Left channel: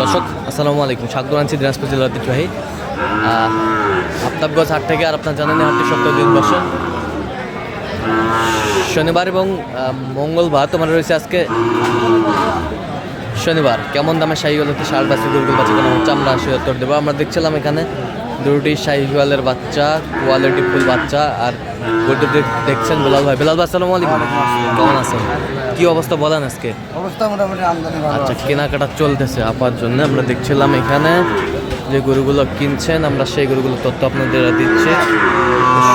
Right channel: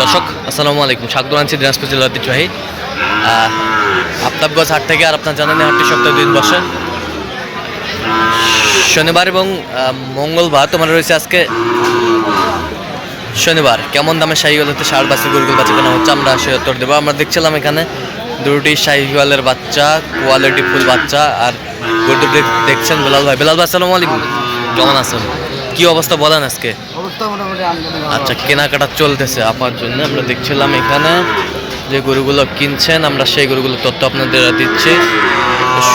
দর্শক আসসালামু আলাইকুম, স্বাগত জানাচ্ছি দিনাজপুর জেলার ঐতিহ্যবাহী আফতাবগঞ্জ হাট থেকে। আর আপনার জানেন হাটটি সপ্তাহে 2 দিন বসে, শনিবার এবং মঙ্গলবার। তোমার রয়েছে আজকে শনিবার। কেমন দামে শাহিওয়াল হতে ষাঁড় বাচ্চা গরুগুলো বাচ্চা কেনা হচ্ছে আমরা সে উত্তর দেবো। আমরা দেখছিলাম এখানে দুটি শাহিওয়ালের বাচ্চা, কোয়ালিটি ফুল বাচ্চা। আর গরু দুটি দেখছেন বেলাল ভাই। বেলাল ভাই আসসালামু আলাইকুম, কেমন আছেন? কি অবস্থা বলেন আজকে? অবস্থা মোটামুটি আচ্ছা, কেনাকাটা চলতেছে আপার জন্য। আমরা দেখছিলাম এখানে যে গরুগুলো কিনছেন, আমরা সেই গরুগুলো তথ্য আপনাদের দিচ্ছি।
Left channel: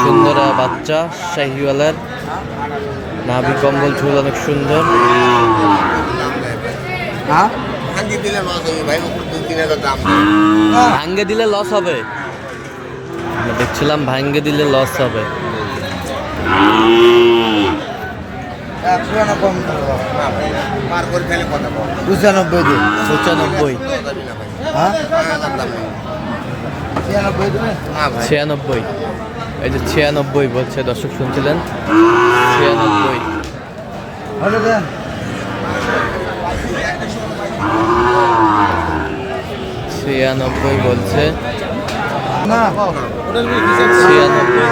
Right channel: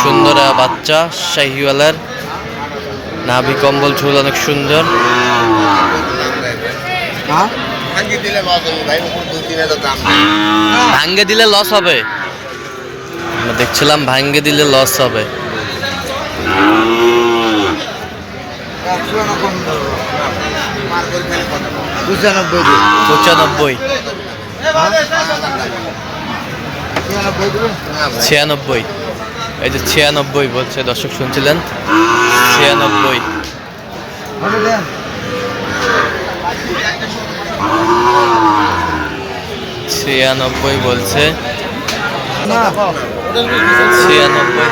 সুন্দর বাচ্চা শাহিওয়ালের, নাভি কম্বল ঝুল অনেক সুন্দর। ভাঙ্গে দিলে লস হবে, আমরা দেখছিলাম ভাঙ্গে দিলে লস হবে। 95, 96, এই যে 96 বলছে, দর্শক শুনছিলেন 96। 96 বলছে, 96,000।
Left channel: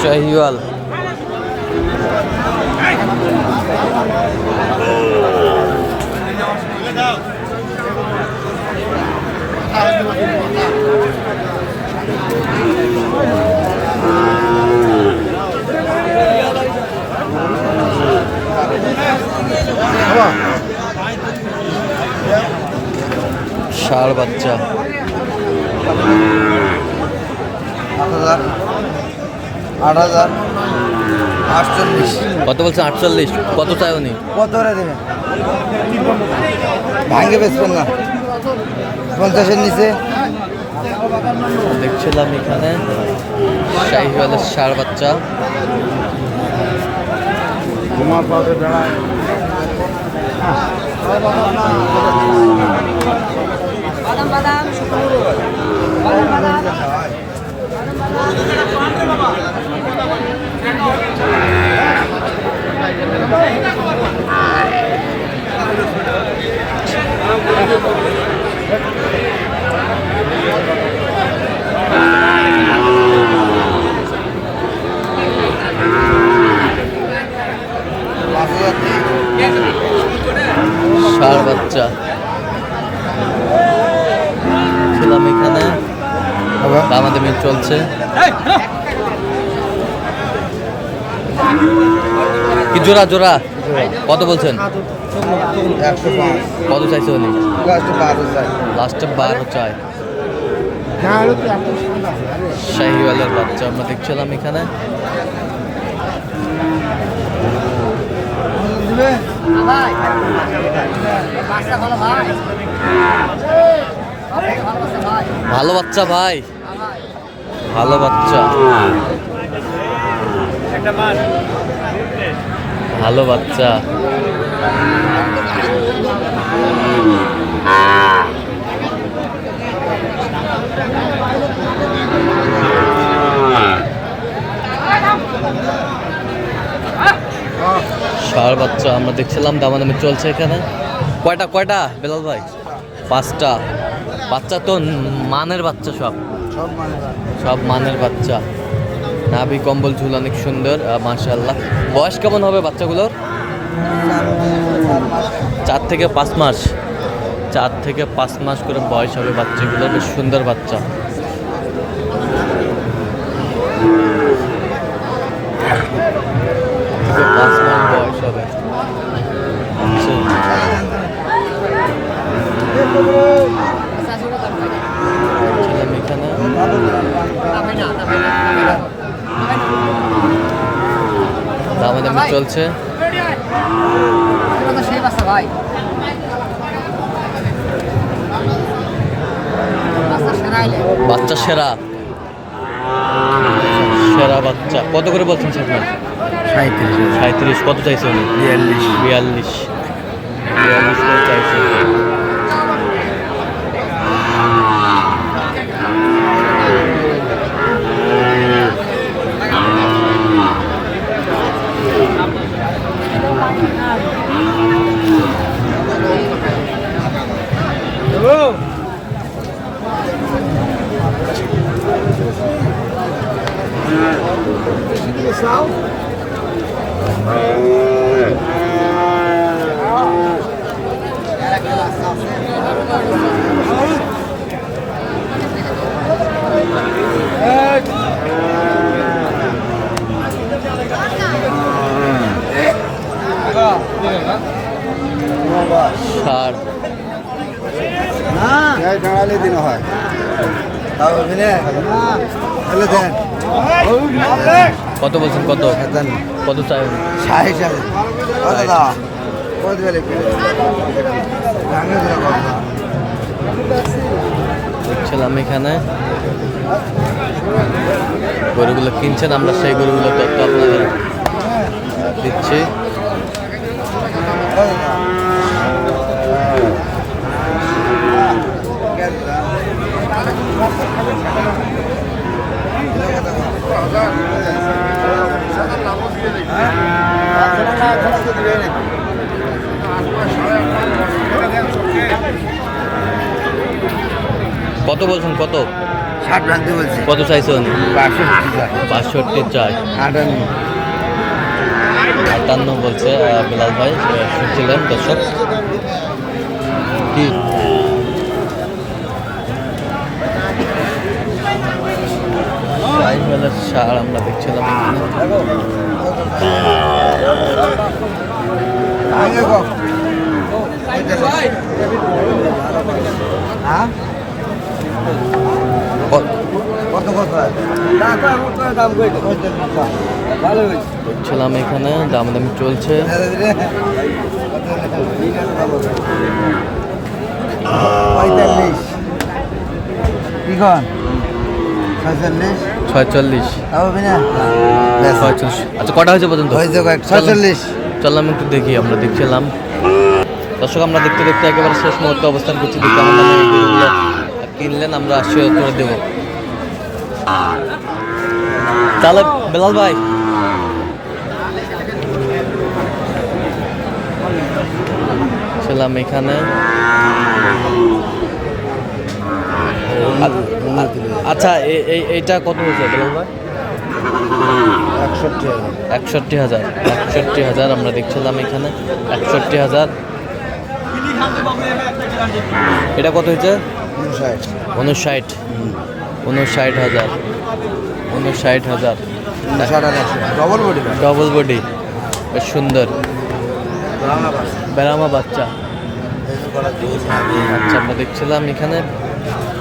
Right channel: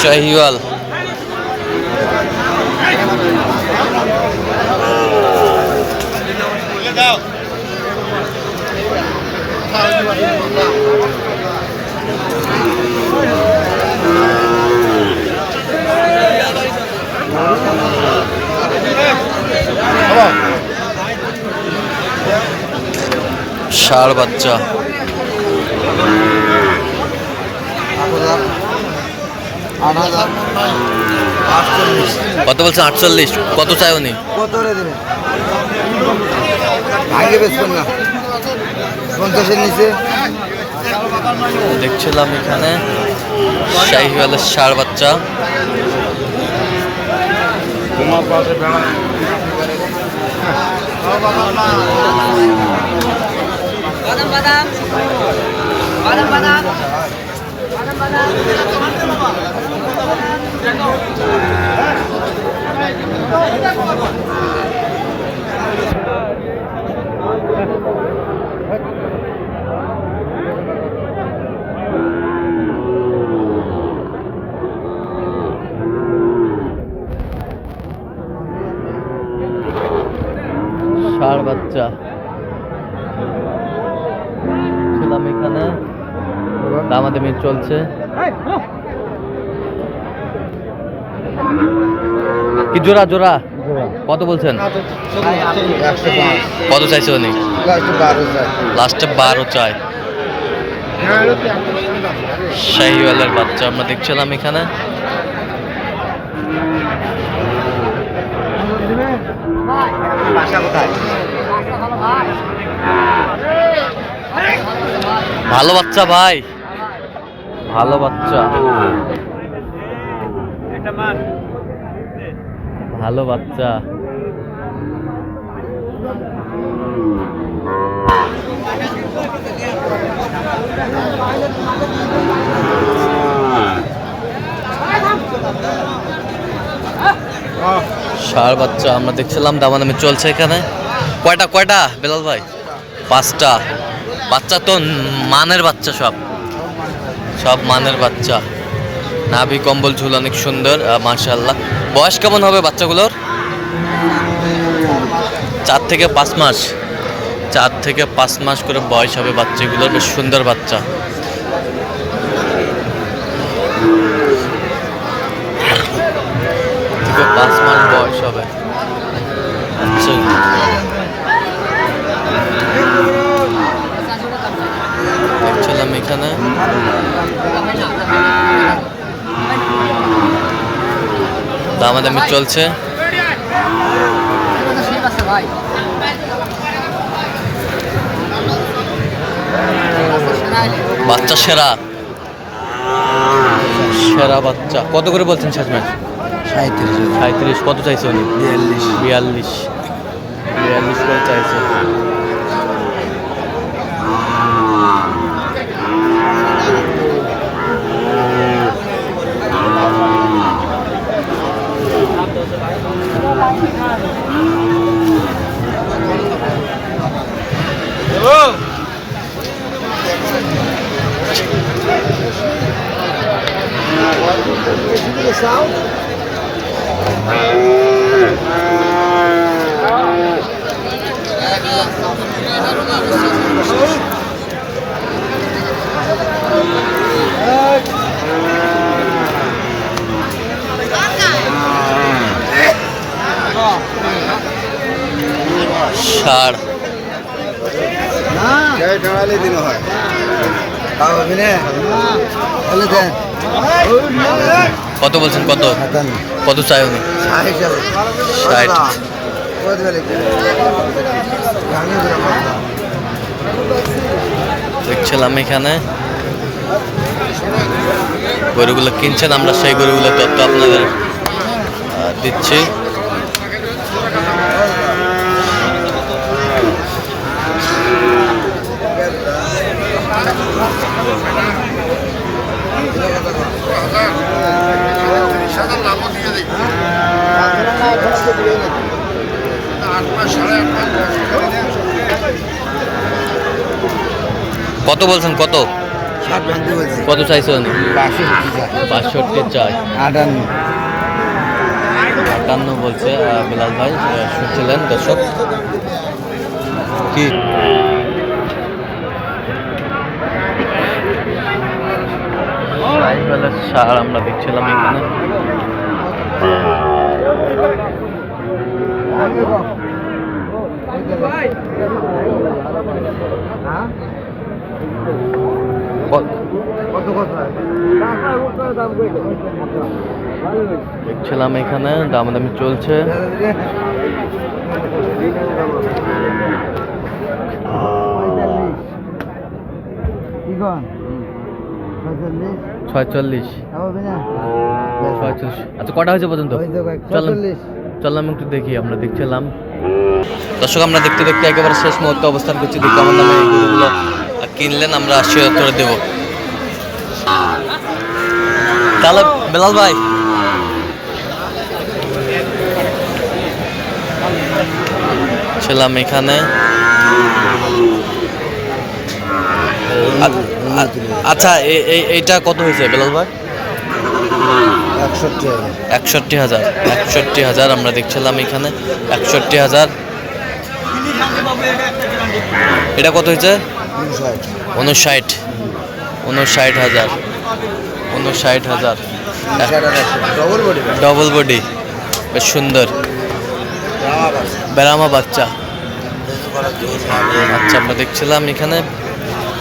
শাহিওয়াল ষাঁড় বাচ্চা, 8,000, কত বলছেন? 48। কত চাই উনি? কত দেবেন? ভাঙে বেচবেন না, 50-এর নিচে। দেখছিলাম এখানে শাহিওয়ালের ষাঁড় বাচ্চা। ষাঁড় বাচ্চা ছিলাম এখানে, দামাদামি চলছে। কি জোড়া জোড়া কত বলছেন? কত চাইছে উনি? লাস্টে 12 চাই। শাহিওয়ালের বাচ্চা আমরা দেখছিলাম এখানে। ভালো বাচ্চা ভাই, ভালো বাচ্চা, ভালো বাচ্চা। ষাঁড় বাচ্চা আমরা দেখছিলাম, দামাদামি চলছে এখানে। কয়টা কয়টা বেলাল ভাই? 5টা বাচ্চা তো মানের বাচ্চা, সব মানের বাচ্চা। নাভি কম্বল ঝুল অনেক সুন্দর মাশাআল্লাহ। বয়স কেমন হবে বাচ্চাগুলোর? 4 থেকে 5 মাস, 4 থেকে 5 মাস করে বয়স হবে বাচ্চাগুলোর। বেশ সুন্দর বাচ্চা। 5 মাস বয়স হবে। আচ্ছা, দেখছিলাম এখানে দামাদামি চলছে। বাচ্চা সেরা, সেরা বাচ্চা কত করে বলছেন শেষমেশ? 37,000 37 কত চাইছে উনি? 42 করে চাইছে। ষাড় দিন হয় তাও দিনে বলে দেন কত বলছেন? কত কত চাই উনি? 60 দেখছিলাম এখানে গরুগুলো কিনছেন, আমরা সেই গরুগুলো তথ্য আপনাদের দিচ্ছি। কত বলছেন? কত 60 ভাঙতে বলছি কত চাইছে উনি? 62 চাই। 58 বলছে বিলাল ভাই, শুনছিলেন দর্শক। কি সার আমরা দেখছিলাম এখানে। দেখছিলাম এখানে দামাদামি চলছে। ছয়চল্লিশ। আচ্ছা কটা হয়েছে পর্যন্ত? চললাম একটু দেখি। আমরা দেখছিলাম দর্শক, আমরা দেখতে দেখতে একেবারে শেষ মুহূর্তে অবস্থান করছি। দেখি আমার নামে এই গরুগুলো কিনলেন, আমরা 80 দেবো। তাহলে বেলাল ভাই ছিলাম এখানে। আচ্ছা এইটা কত হয়েছে বেলাল ভাই? 61,000 আমরা দেখছিলাম এখানে। 61,000। এটা কত হয়েছে? 59,000 ডবল বডি, বেশ সুন্দর বেরামা বাচ্চা। আচ্ছা আমরা দেখছিলাম এখানে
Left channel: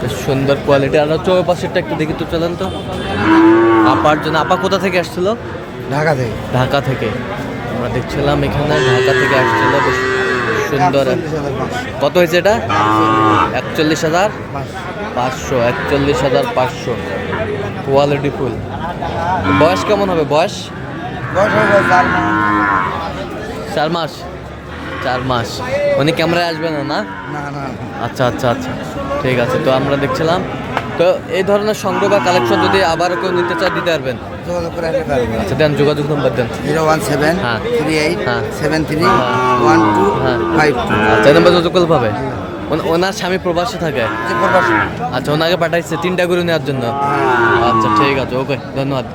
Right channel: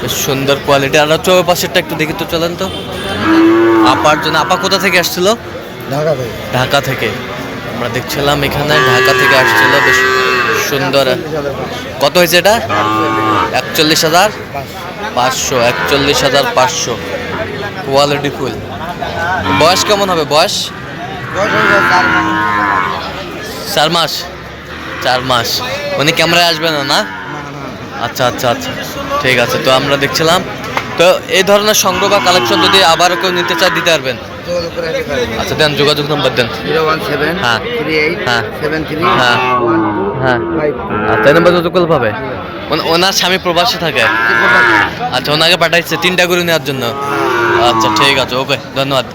বেশ সুন্দর কোয়ালিটি। আর চৌর পাশেরটা একটু দেখি তো, চলেন তো। আপার জন্য, আপা কোথা থেকে আসছিল? ঢাকা থেকে। আমরা দেখছিলাম এখানে ঢাকা থেকে আসছিল, বেশ সুন্দর। কত হয়েছে এটা? 41,500। 41,500 কোয়ালিটি ফুল। বয়স কেমন হবে? বয়স 4 মাস। উনি ক্যামেরায় আসবে না? আচ্ছা ঠিক আছে। তো আমরা দেখছিলাম, তো এই ধরনের সংগ্রহ বা কালেকশন যদি আবার কেউ নিতে চায় দিতে পারবেন? আচ্ছা দেন, যোগাযোগ নম্বর দেন। 017 হ্যাঁ 38 হ্যাঁ 73 হ্যাঁ 1252। আচ্ছা এই নাম্বার যোগাযোগ করলে পাবে। ওনার স্বামী প্রবাসে থাকে। আচ্ছা ওনাকে পাঠাইছে 3টা গরু নেওয়ার জন্য। আচ্ছা ঠিক আছে, ওকে, ধন্যবাদ।